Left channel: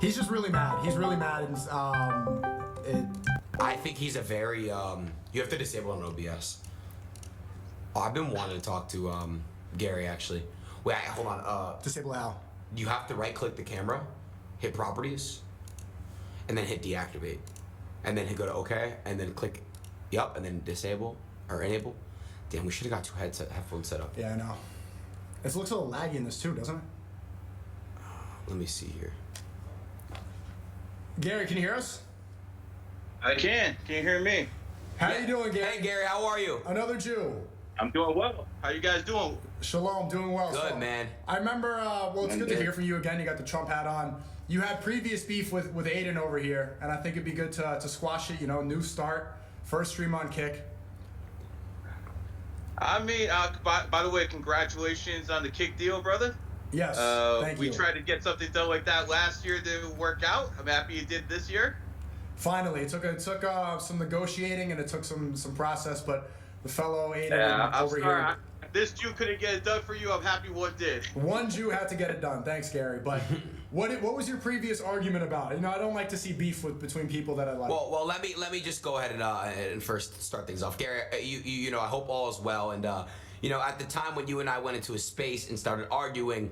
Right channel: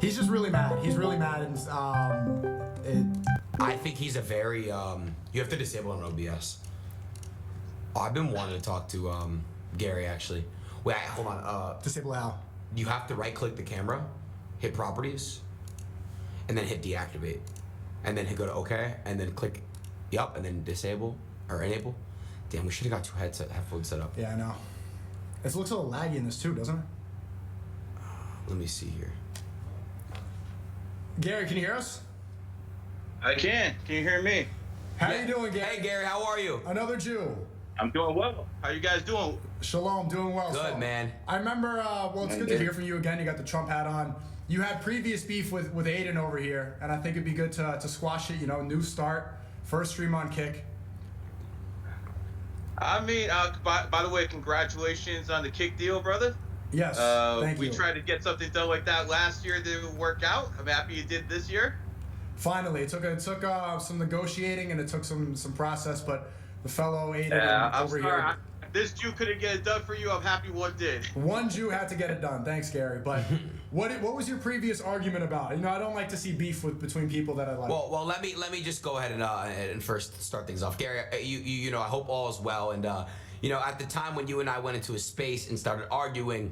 He's just really mad. He's really mad, and I think he's a very you have to disable him on OBS. Oh, I've been wanting to talk to Garry actually. Wait, hold on. Disable how? You have to right-click the camera, hit Properties, and then hit Deactivate, and then go to OK, and then click Yup, and then disable or enable. Damn, we should have got two headphones set up. Yeah, I know. It looks a little laggy in this too, doesn't it? Let me see here. Garry, can you hear us? I can. Can you hear me? How you doing, Garry? Hey, Garry, how are you? Another Jew. I'm doing well. How you guys doing? Shalom, doing well. Good, so, man. I remember, well, it's good to hear from you again. You got the Trump hat on. You had previous beef with Adin over here, and I think it'd be good to squash it, you know, new start, first stream on Kick. I mean, by the way, congratulations on the Kick deal, brother. Yes, thank you. We tried to get something done like that last year. It didn't work out. I'm happy you did this year. Finally, it took some negotiating and it took some process, but the fellow Adin I'm over sorry. here. This Jew couldn't get it done for you. I'm happy one did. One Jew had to get it done. Thanks, Garry. But what was your previous argument about? You know, I don't like to see beef between people that I like. Well, let me just go ahead and first start things off, Garry. You know, I hope all is well. And you know, at the time when you and I went into a space and started arguing,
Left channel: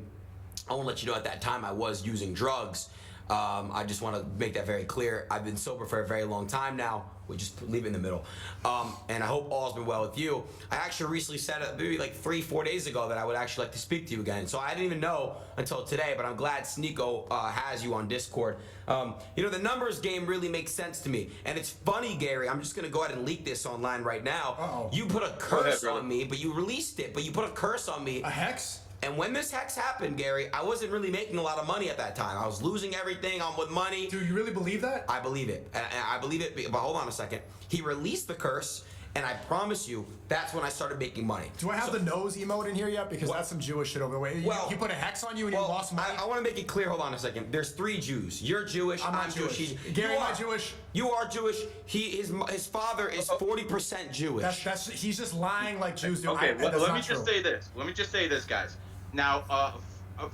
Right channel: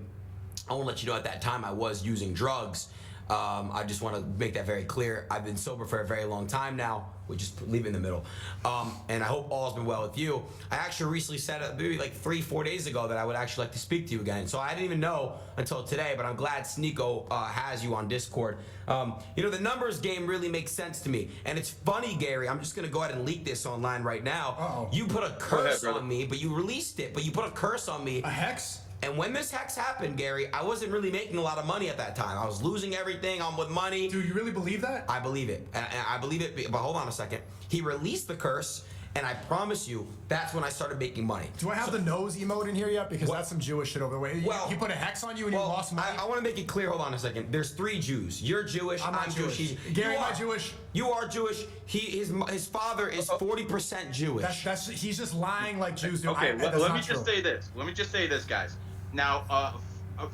I want to let you know at that time I was using drugs. I just want to make that very clear. I've been sober for a very long time now. We just leave it in the middle. And I hope all's been well with you. I actually recently said maybe like 3-4 days ago that I would actually like to speak to you again. So I didn't even know until today, but I'm glad Sneeko has you on Discord. You know, the numbers game really makes sense to me. And it's funny, Garry, I'm just going to go ahead and leak this online right now. Uh-oh. You put a curse on me, but you released it, but you put a curse on me. A hex? And when this hex happened, Garry, I wasn't really making a lot of money at that time. I was losing everything on with money. Do you really believe that? I believe it. And I believe it, but hold on a second. He released the curse, and I promise you, that's when I started making money. Do I have the nose emote in here yet? Because that's some Jewish shit over the way. He put a hex on you and you lost money? I want to make it clear, hold on a second. There's 3 Jews. You're Jewish, I'm not Jewish. Garry, am I Jewish? You are Jewish. His father is 40% Jewish. He's just lying like Jews do. Okay, let me just say this. Let me just say this, guys. Now,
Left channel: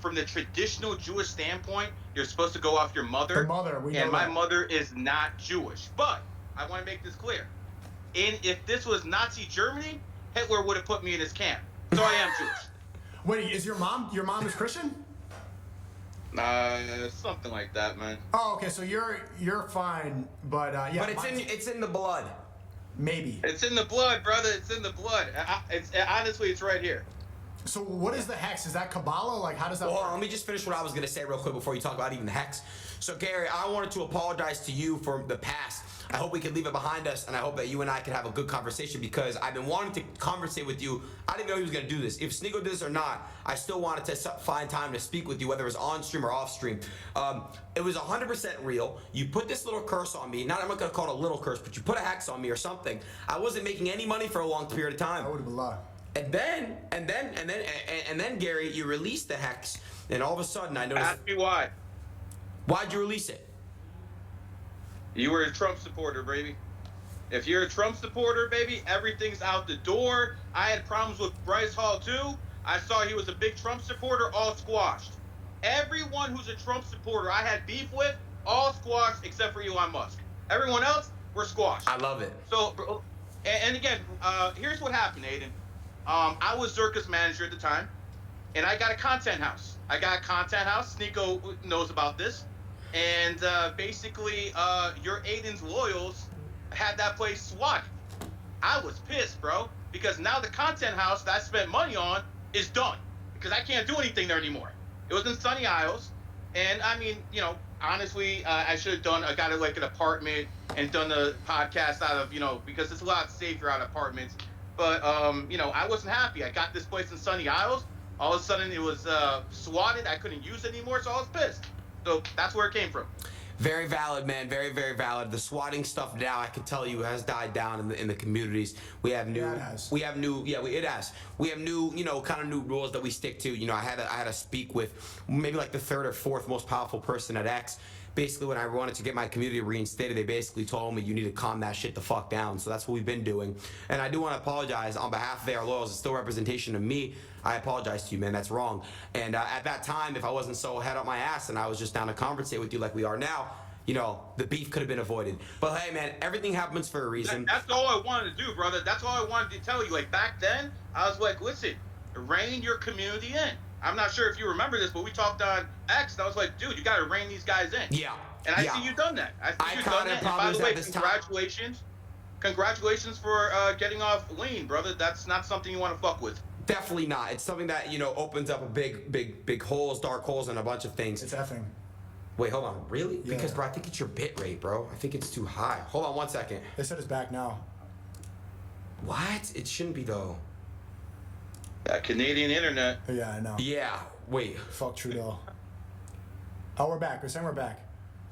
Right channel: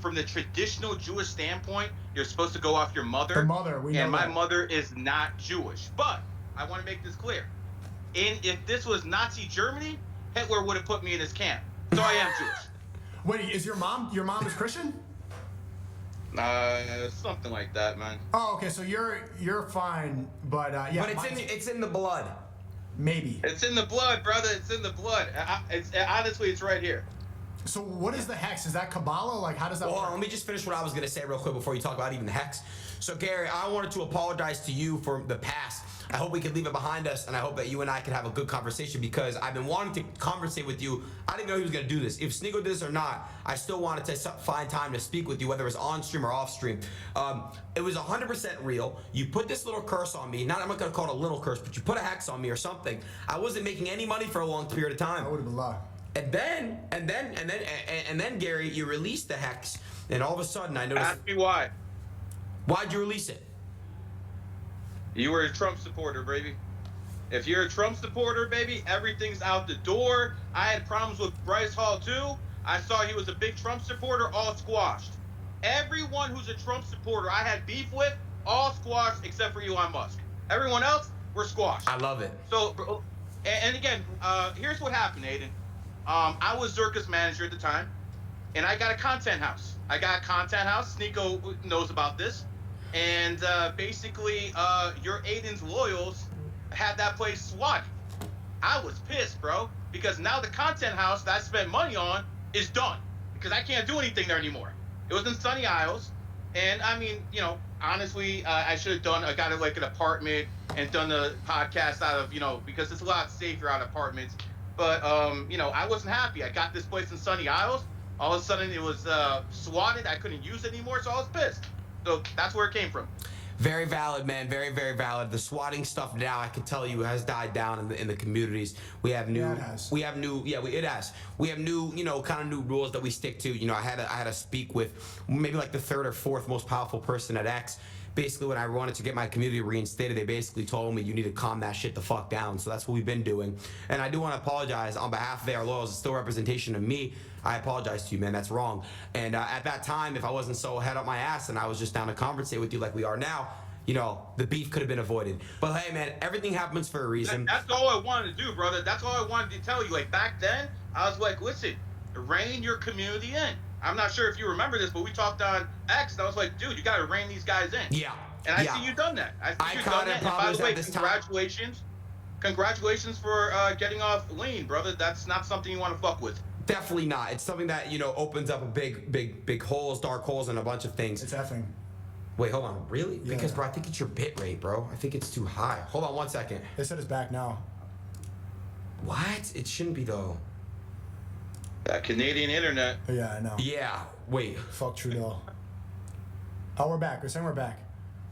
from the traditional Jewish standpoint, you're supposed to go off your mother. The mother, we know and my that. mother is not Jewish. But I want to make this clear. If this was Nazi Germany, Hitler would have put me in his camp. So I am Jewish. Wait, is your mom is Christian? Something like that, man. Oh, okay, so you're fine, but yeah. But it's in the blood. Maybe. It's in the blood, brother. It's in the blood. Honestly, it's right here. So what is the hex? Is that Kabbalah? Like, how does that work? Let me just finish what I was going to say real quick before you talk about even the hex. So, Garry, I wanted to apologize to you for the past. I hope we can leave it behind us, and I hope that you and I can have a good conversation because I've been wanting to conversate with you. I didn't know he was going to do this. If Sneeko did this or not, I still wanted to find time to speak with you, whether it was on stream or off stream. It was 100% real. You put this little curse on me. I'm not going to call it a little curse, but you put a hex on me or something. I wasn't making any money for a long period of time. That would have been a lot. And then, Garry, you released the hex, and all of a sudden I noticed. Ask me why. Why'd you release it? You were a Trump supporter, baby. If you're a Trump supporter, baby, everything's out the door. I had problems with Bryce Hall too. I saw he was a big Trump supporter, all squashed. Everyone who's a Trump supporter I had beef with, all squashed except for Elon Musk. Everyone else were squashed. I love it. So, and again, here's what happened, Adin. I was Zerka's manager at the time, and I got a content house. Sneeko knows about this. And basically, your Adin's loyals had that place swatted. I was pissed, bro, because now the content house that I spent money on is done because I can't do anything there anymore. It was in Sunny Isles, and I mean, you know, honestly, I should have got like an apartment and done the podcast out of, you know, because it's a lot safer out of apartments. But, you know, I wasn't happy. I got this place in Sunny Isles. All of a sudden, it was swatted. I couldn't use it anymore, so I was pissed. So that's where it came from. Very valid, man. Very, very valid. The swatting stuff now, I can tell you, has died down in the communities. We have new. Yeah, it has. We have new. Yeah, it has. We have new, you know, kind of new rules that we stick to. You know, I had to speak with maybe like the 3rd or 4th most powerful person at X. basically when I wanted to get my community reinstated, they basically told me you need to calm that shit the fuck down. So that's what we've been doing. And I do want to apologize on behalf of their loyals. It's still representation of me. I apologize to you, man. That's wrong. And at that time, if I wasn't so head up my ass and I was just down to conversate with you like we are now, you know, the beef could have been avoided. But hey, man, everything happens for a reason. That's all I wanted to do, brother. That's all I wanted to tell you. Like back then, I was like, listen, rein your community in. I'm not sure if you remember this, but we talked on X, and I was like, dude, you got to rein these guys in. Yeah. And I see you done that. I see you done that. And by the way, congratulations. Congratulations for getting off lean, brother. That's not something you want to fuck with. Definitely not. It's something that, you know, opens up a big holes, dark holes, and a bunch of things. It's effing. Wait, hold on. Really? Yeah. Because, bro, I think it's your bit rate, bro. I think it's too high. Hold on 1 second. They said it's back now. What? It shouldn't be, though. That Canadian internet. Yeah, I know. Yeah. Wait. Fuck Trudeau. Oh, we're back. We're saying we're back.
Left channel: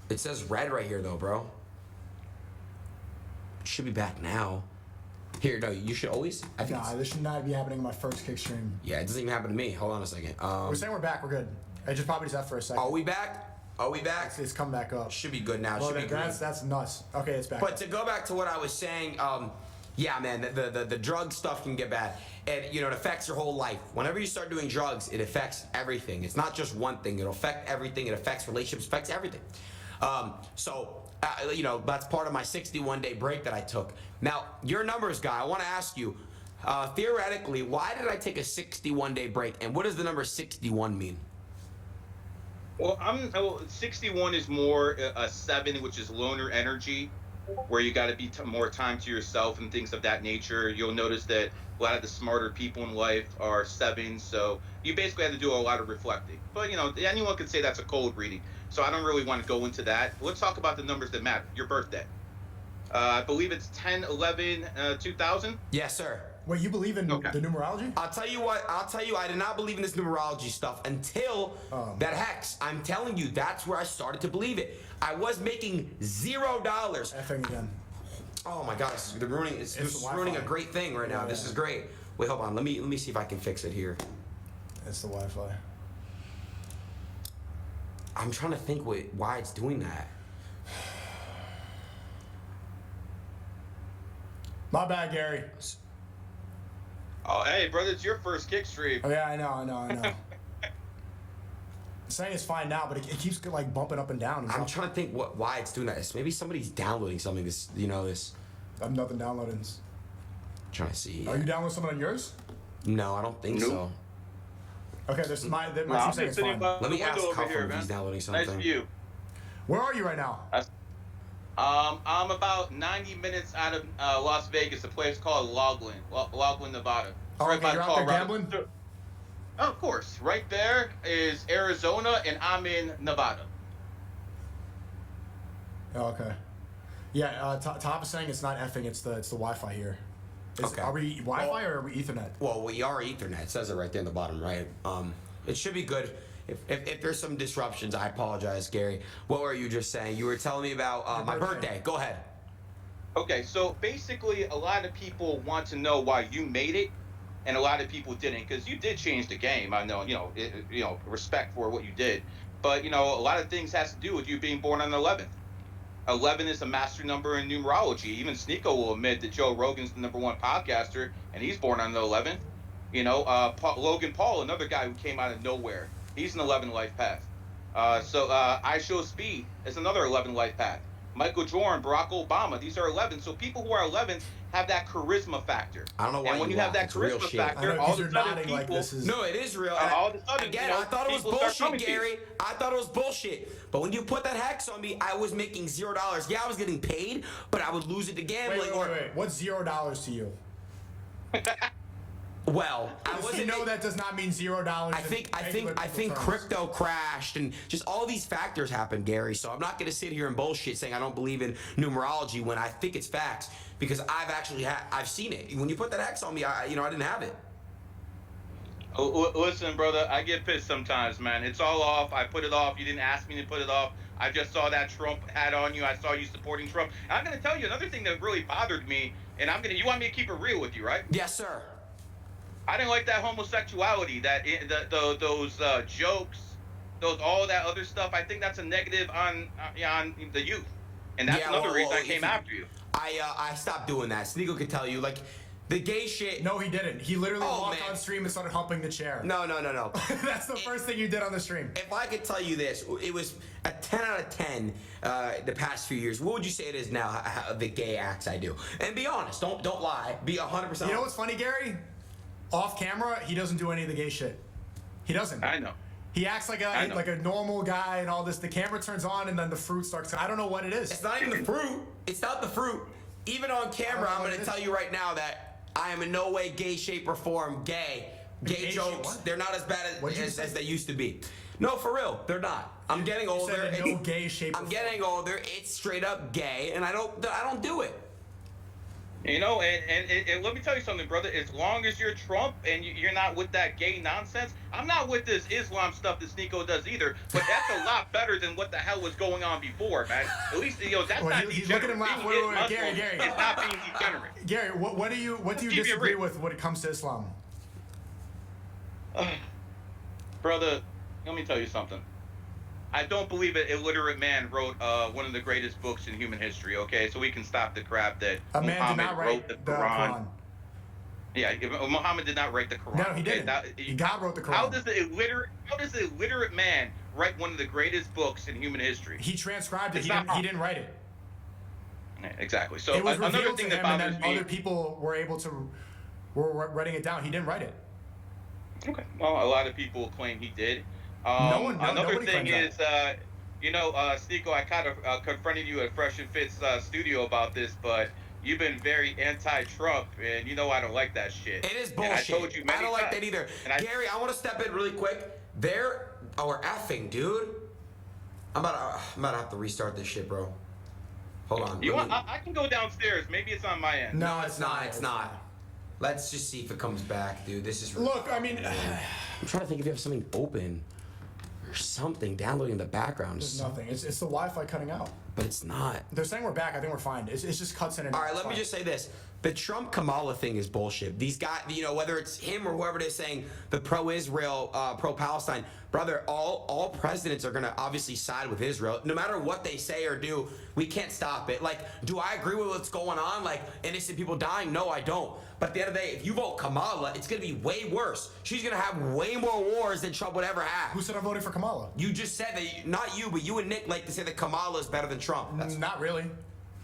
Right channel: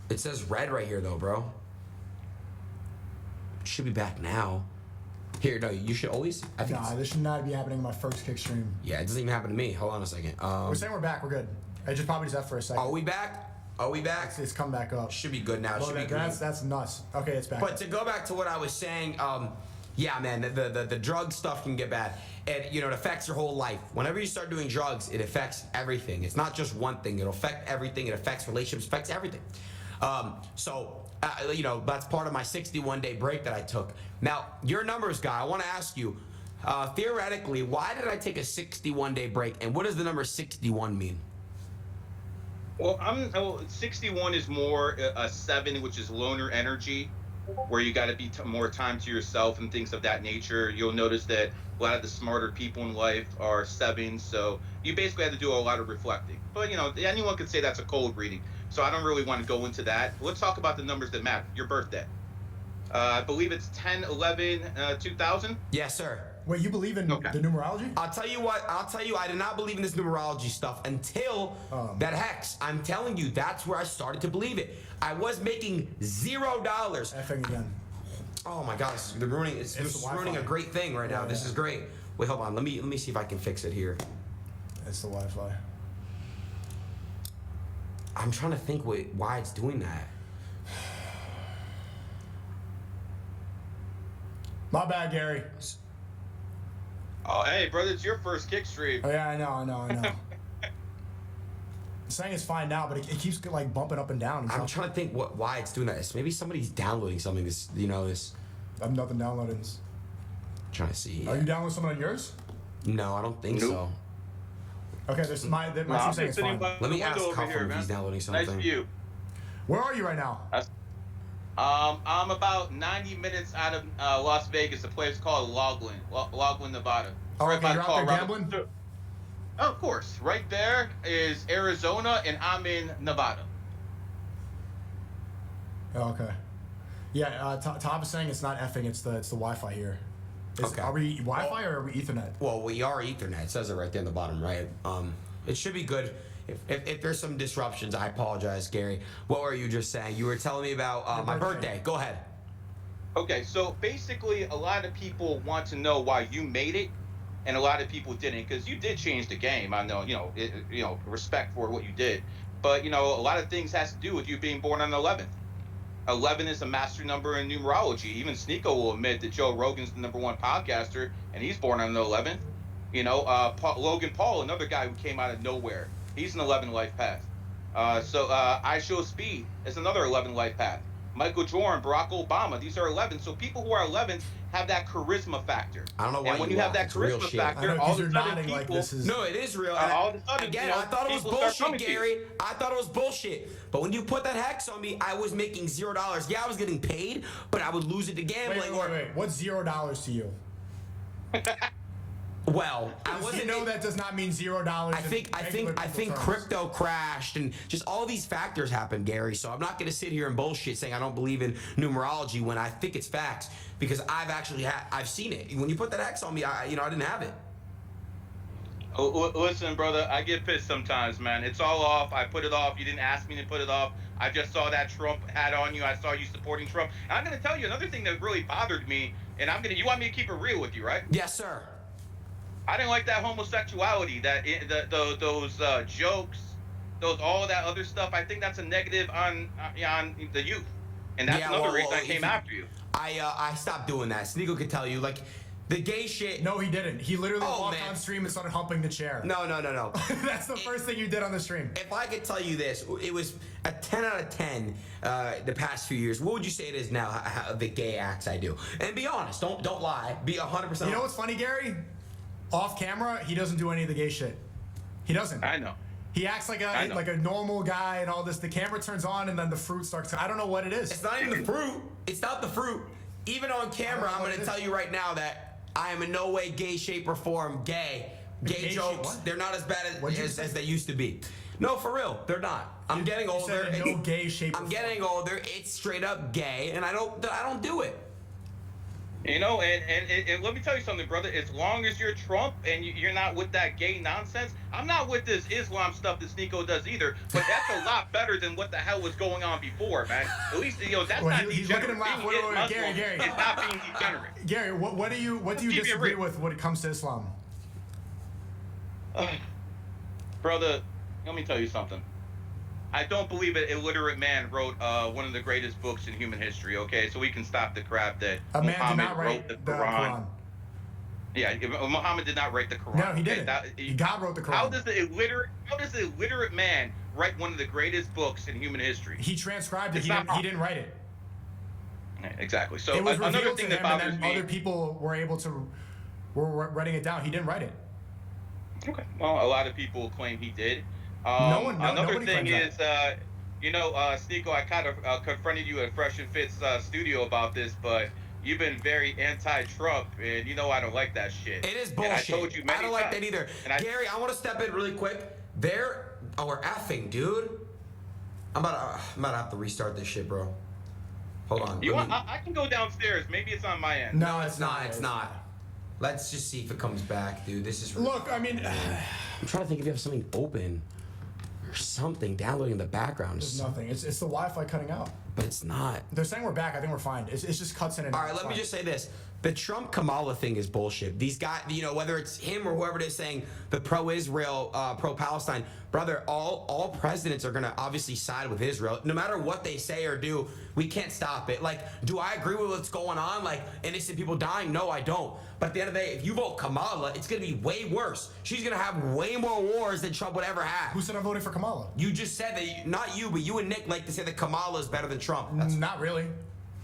It says red right here, though, bro. It should be back now. Here, no, you should always. I think. Nah, this should not be happening in my first kick stream. Yeah, it doesn't even happen to me. Hold on a second. We're saying we're back. We're good. I just probably just have for a second. Are we back? Are we back? It's come back up. Should be good now. Well, Should be good. that's nuts. Okay, it's back. But to go back to what I was saying, yeah, man, the drug stuff can get bad. And, you know, it affects your whole life. Whenever you start doing drugs, it affects everything. It's not just one thing. It'll affect everything. It affects relationships, affects everything. You know, that's part of my 61-day break that I took. Now, you're a numbers guy. I want to ask you, theoretically, why did I take a 61-day break? And what does the number 61 mean? Well, 61 is more a 7, which is loner energy, where you got to be more time to yourself and things of that nature. You'll notice that a lot of the smarter people in life are 7s, so you basically have to do a lot of reflecting. But, you know, anyone could say that's a cold reading, so I don't really want to go into that. Let's talk about the numbers that matter. Your birthday. I believe it's 10/11/2000. Yes, sir. Wait, you believe in the numerology? I'll tell you what. I did not believe in this numerology stuff until that hex. I'm telling you, that's where I started to believe it. I was making $0. Effing again. Oh my God, this is ruining. It's ruining a great thing right now. This is great. Wait, hold on. Let me see if I can fix it here. It's the Wi-Fi. I'm trying to think why it's doing that. My bad, Gary. Oh, hey, brother, it's your first kick stream. Oh yeah, I know. I'm saying it's fine now, but it keeps like bumping up and down. I'm trying to think why it's doing that. Maybe somebody's downloading something. This. I'm nothing downloading. I'm trying to see. Are you downloading something on yours? No, I don't think so. Okay, this my saying it's fine. Let me ask Cuffler if he's downloading something. Nice view. Where are you right now? I'm about 90 minutes out of Las Vegas, a place called Loughlin, Nevada. Oh, Right okay, by you're out there gambling? Oh, of course. Right there is Arizona, and I'm in Nevada. Oh, okay. Yeah, Tom is saying it's not effing, it's the Wi-Fi here. Are we Wi-Fi or are we Ethernet? Well, we are Ethernet. It says it right there in the bottom right. It should be good. If there's some disruptions, I apologize, Gary. What were you just saying? You were telling me about my birthday. Go ahead. Okay, so basically, a lot of people want to know why you made it, and a lot of people didn't, because you did change the game. I know, respect for what you did, but a lot of things has to do with you being born on the 11th. 11 is a master number in numerology. Even Sneeko will admit that Joe Rogan's the #1 podcaster, and he's born on the 11th. Logan Paul, another guy who came out of nowhere, he's an 11 life path. I Show Speed is another 11 life path. Michael Jordan, Barack Obama, these are 11. So people who are 11s have that charisma factor. I don't know why. And when you have that charisma factor, all of a sudden people. Like this is... No, it is real. All of a sudden, again, I thought it was bullshit, Gary. I thought it was bullshit. But when you put that hex on me, I was making $0. Yeah, I was getting paid, but I would lose it to gambling. Wait. What's $0 to you? Well, I wasn't. That does not mean $0. I think crypto crashed and just all these factors happened, Gary. So I'm not going to sit here and bullshit saying I don't believe in numerology when I think it's facts, because I've seen it. When you put that X on me, I didn't have it. Listen, brother, I get pissed sometimes, man. It's all off. I put it off. You didn't ask me to put it off. I just saw that Trump hat on you. I saw you supporting Trump. And I'm going to tell you another thing that really bothered me, and you want me to keep it real with you, right? Yes, sir. I didn't like that homosexuality, those jokes those all that other stuff. I think that's a negative on the youth, and that's another reason I came after you. I stopped doing that. Sneeko could tell you, like, the gay shit. No, he didn't. He literally walked on stream and started humping the chair. No. That's the first thing you did on the stream. If I could tell you this, it was a 10 out of 10 the past few years. What would you say it is now, the gay acts I do? And be honest. Don't lie. Be 100%. You know what's funny, Gary? Off camera, he doesn't do any of the gay shit. He doesn't. I know. He acts like a normal guy and all this. The camera turns on and then the fruit starts. I don't know what it is. It's not even the fruit. It's not the fruit. Even on camera, I'm going to tell you right now that I am in no way, gay, shape, or form gay. Gay jokes, they're not as bad as they used to be. No, for real, they're not. I'm getting older. No gay shape. I'm getting older. It's straight up gay, and I don't do it. You know, and let me tell you something, brother. As long as you're Trump and you're not with that gay nonsense, I'm not with this Islam stuff that Sneeko does either. But that's a lot better than what the hell was going on before, man. At least that's not he's looking at him degenerate. laugh. Gary. It's not being degenerate. Gary, what do you disagree with when it comes to Islam? Brother, let me tell you something. I don't believe an illiterate man wrote one of the greatest books in human history, okay? So we can stop the crap that Muhammad wrote the Quran. Yeah, Muhammad did not write the Quran. No, he didn't. God wrote the Quran. How does the illiterate man write one of the greatest books in human history? He transcribed it. He didn't write it. Yeah, exactly. So it was another thing that bothers me. Other people were writing it down. He didn't write it. Okay. Well, a lot of people claim he did. Another thing is, Sneeko, I kind of confronted you at Fresh and Fit's studio about this, but you've been very anti-Trump, and you know I don't like that shit. It is bullshit. And I told you many I don't like that either. Gary, I want to step in really quick. We're effing, dude. I'm about to have to restart this shit, bro. Hold on. I can go downstairs. Maybe it's on my end. No, it's not. It's not. Let's just see if it comes back, dude. This is. Look, I mean, I'm trying to think if you have something open. Something downloading in the background. There's nothing. It's the Wi-Fi cutting out. But it's not. They're saying we're back. I think we're fine. It's just cuts in and out. All right, let me just say this. The Trump Kamala thing is bullshit. These guys, whether it's him or whoever it is saying the pro-Israel, pro-Palestine, brother, all presidents are going to obviously side with Israel. No matter what they say or do, we can't stop it. Like, do I agree with what's going on? Like, innocent people dying? No, I don't. But at the end of the day, if you vote Kamala, it's going to be way worse. She's going to have way more wars than Trump would ever have. Who said I'm voting for Kamala? You just said that, not you, but you and Nick like to say that Kamala is better than Trump. Not really.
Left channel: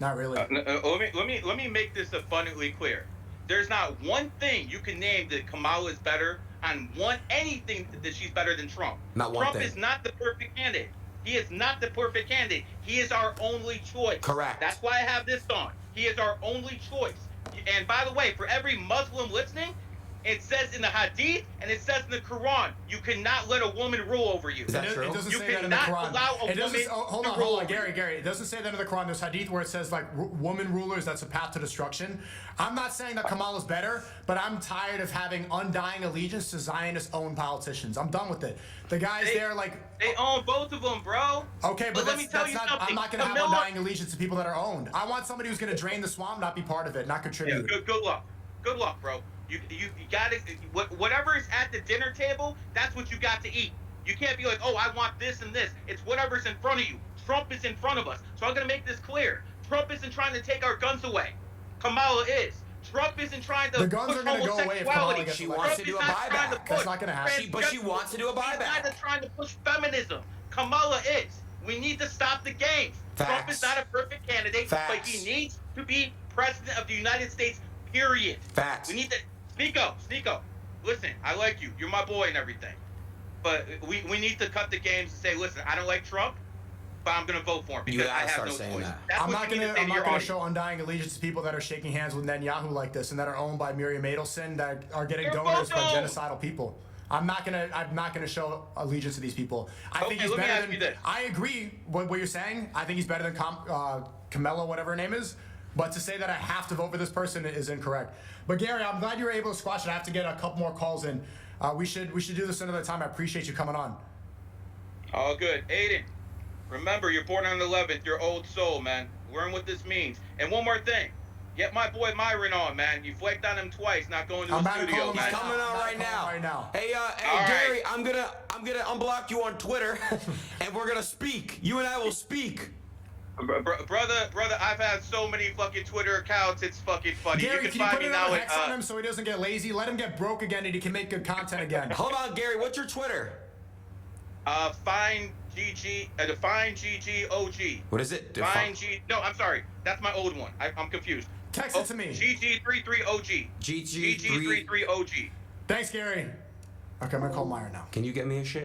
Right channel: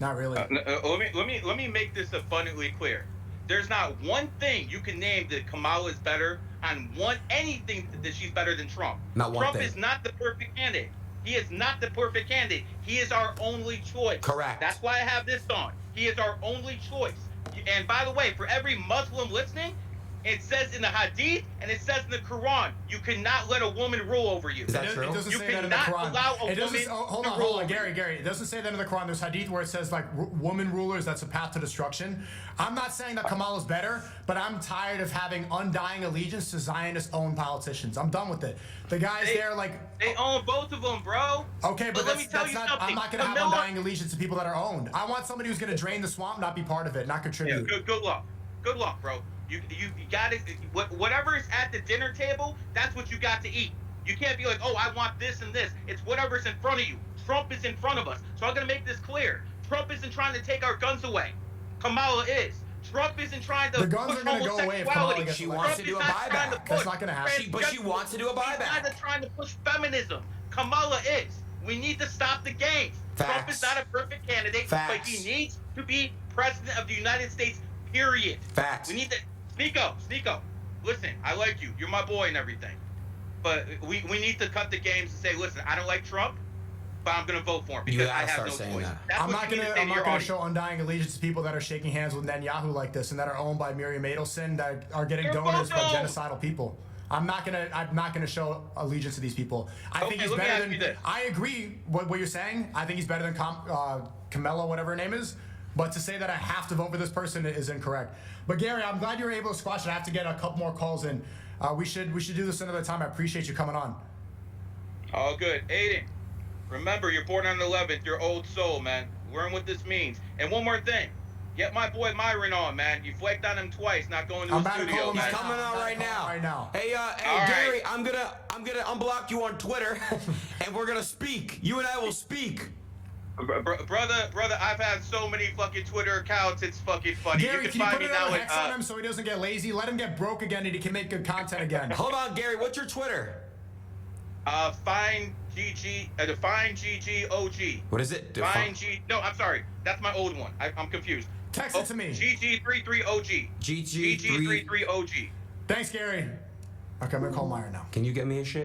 Not really. Let me make this abundantly clear. There's not one thing you can name that Kamala is better on anything that she's better than Trump. Not one thing. Trump is not the perfect candidate. He is not the perfect candidate. He is our only choice. Correct. That's why I have this on. He is our only choice. And by the way, for every Muslim listening, it says in the Hadith and it says in the Quran, you cannot let a woman rule over you. Is that true? It doesn't You say that in the cannot Quran. allow a woman hold to on, rule over Gary. It doesn't say that in the Quran. There's Hadith where it says like woman rulers, that's a path to destruction. I'm not saying that Kamala's better, but I'm tired of having undying allegiance to Zionist-owned politicians. I'm done with it. The guys there, like they own both of them, bro. Okay, but let me tell you not. something. I'm not going to have undying allegiance to people that are owned. I want somebody who's going to drain the swamp, not be part of it, not contribute. Yeah, good luck, bro. You got it. Whatever is at the dinner table, that's what you got to eat. You can't be like, oh, I want this and this. It's whatever's in front of you. Trump is in front of us. So I'm gonna make this clear. Trump isn't trying to take our guns away. Kamala is. Trump isn't trying to the guns push are going to go away if Kamala homosexuality. gets She elected. wants to do a buyback. That's not going to happen. But she wants to do a buyback. He's not trying to push feminism. Kamala is. We need to stop the games. Facts. Trump is not a perfect candidate, Facts. but he needs to be president of the United States, period. Facts. We need to... Sneeko, listen, I like you. You're my boy and everything. But we need to cut the games and say, listen, I don't like Trump, but I'm going to vote for him because I have no choice. I'm not going to show undying allegiance to people that are shaking hands with Netanyahu like this and that are owned by Miriam Adelson, that are getting donors by genocidal people. I'm not gonna show allegiance to these people. I think he's better than. I agree with what you're saying. I think he's better than Kamala, whatever her name is. But to say that I have to vote for this person is incorrect. But Gary, I'm glad you were able to squash it. I have to get a couple more calls in. We should do this another time. I appreciate you coming on. All good. Adin, remember, you're born on the 11th. You're old soul, man. Learn what this means. And one more thing. Get my boy Myron on, man. You flaked on him twice, not going to I'm the about to studio, call him man. He's coming on right now. Right now. Hey, All right. Gary, I'm gonna unblock you on Twitter, and we're gonna speak. You and I will speak. Brother, I've had so many fucking Twitter accounts. It's fucking funny. Gary, you can you find put me another now hex on him so he doesn't get lazy? Let him get broke again and he can make good content again. Hold on, Gary. What's your Twitter? Define GG OG. What is it? Define G. No, I'm sorry. That's my old one. I'm confused. Text it to me. GG33OG. GG33 GG33OG. Thanks, Gary. Okay, I'm gonna call Meyer now. Can you get me a shit?